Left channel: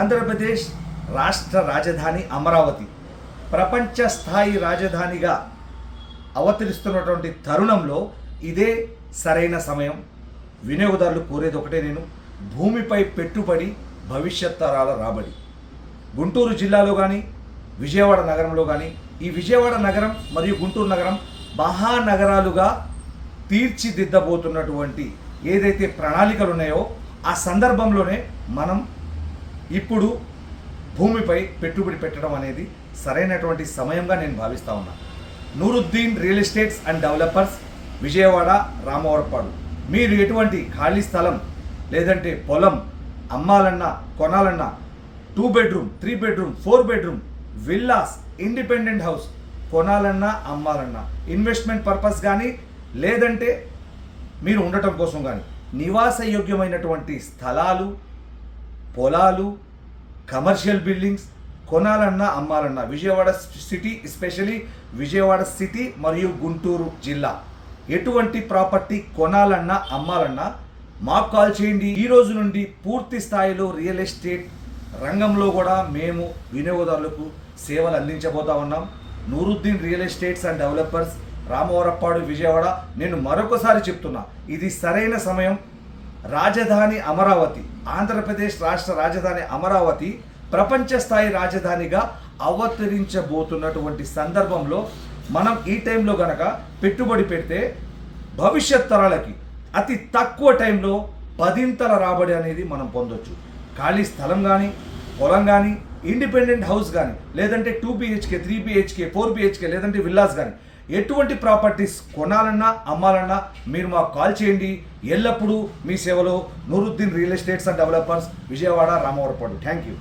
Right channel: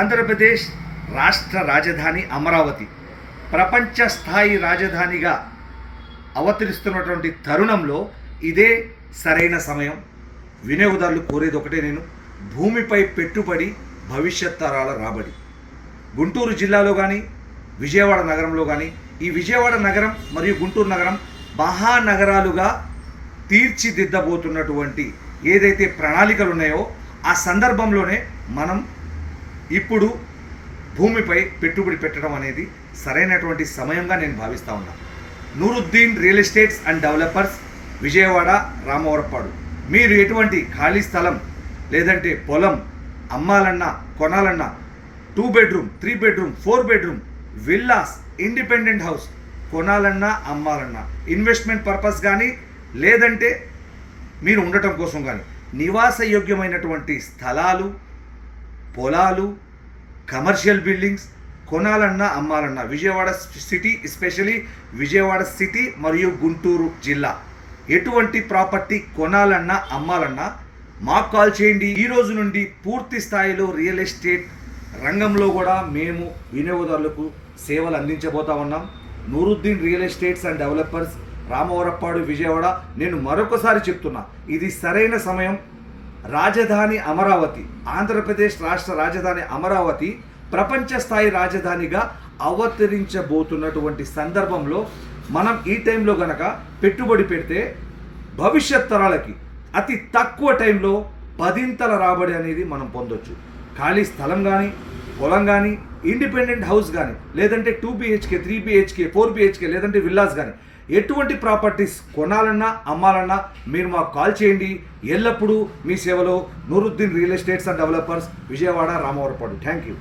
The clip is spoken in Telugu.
ఆంధ్రప్రదేశ్ రాష్ట్ర రాజధాని అమరావతి ప్రపంచ స్థాయి రాజధానిగా అవతరిస్తున్నటువంటి తరుణంలో ఇదే సరైన సమయం. వినియోగదారులు కోరేది ఒకటే, నేను భూమిపై పెట్టుబడి భవిష్యత్ తరాల రాబడి. గుంటూరు జిల్లాలో కానీ విజయవాడ నగరంలో కానీ, ఈ విజయవాడ నగరం మరియు గుంటూరు నగరం మహానగరాలుగా తీర్చిదిద్దబోతున్నటువంటి ఏదైతే ప్రణాళికలు ఉన్నాయో ఆ సందర్భంలోనే మనం ఇప్పుడు భూమిపై పెట్టుబడి పెట్టడం అనేది సరైనటువంటి సమయంగా నేను భావిస్తూ ఉన్నాను. Nooruddin real estates and developers, Vijayawada, Ramavarapadu. మీరు ఎటువంటి ఖాళీ స్థలం లేదంటే పొలం అమ్మాలన్నా కొనాలన్నా 2 bedroom 3 bedroom 4 bedroom villas, independent house కొనాలన్నా అమ్మాలన్నా, ఇన్వెస్ట్మెంట్ పర్పస్ కానీ లేదంటే మీరు ఉండటం కోసం కానీ నివాసయోగ్యమైనటువంటి స్థలాలు, పొలాలు, కమర్షియల్ బిల్డింగ్స్ కొనాలన్నా అమ్మాలన్నా Vijayawada city, especially Vijayawada city మరియు గుంటూరు జిల్లా ఎటువంటి ప్రాపర్టీ కొనాలన్నా అమ్మాలన్నా మాకు కాల్ చేయండి. ఈ రోజు నుండి పూర్తి స్థాయిలో రియల్ ఎస్టేట్ రంగంలో కూడా మేము వినియోగదారులకు సేవలు అందించబోతా ఉన్నాం. Nooruddin real estates and developers, Ramavarappadu, Vijayawada. నేను మరొకసారి చెప్తున్నా, ఇది సరైన సమయం. రాజధాని అమరావతి, ఆంధ్రప్రదేశ్ రాష్ట్ర రాజధాని అమరావతి ప్రపంచ స్థాయి రాజధానిగా అవతరించబోతున్నటువంటి సందర్భంలో మనం ఈ టైంలో గనక పెట్టుబడి పెడితే భవిష్యత్ తరాలకి అతి తక్కువ టైంలో 10ంతల రాబడి అనేది మనం పొందొచ్చు. ఖాళీ స్థలం కానీ, పొలం కానీ, ఇండిపెండెంట్ హౌస్ కానీ, లేదంటే 2 BHK 3 BHK 4 BHK లేదంటే విల్లాస్ కానీ ఎటువంటి ప్రాపర్టీస్ కొనాలన్నా అమ్మాలన్నా మీరు మాకు కాల్ చేయండి. ఎల్లప్పుడూ మీ సేవలో Nooruddin real estates and developers, Vijayawada, Ramavarapadu. Thank you.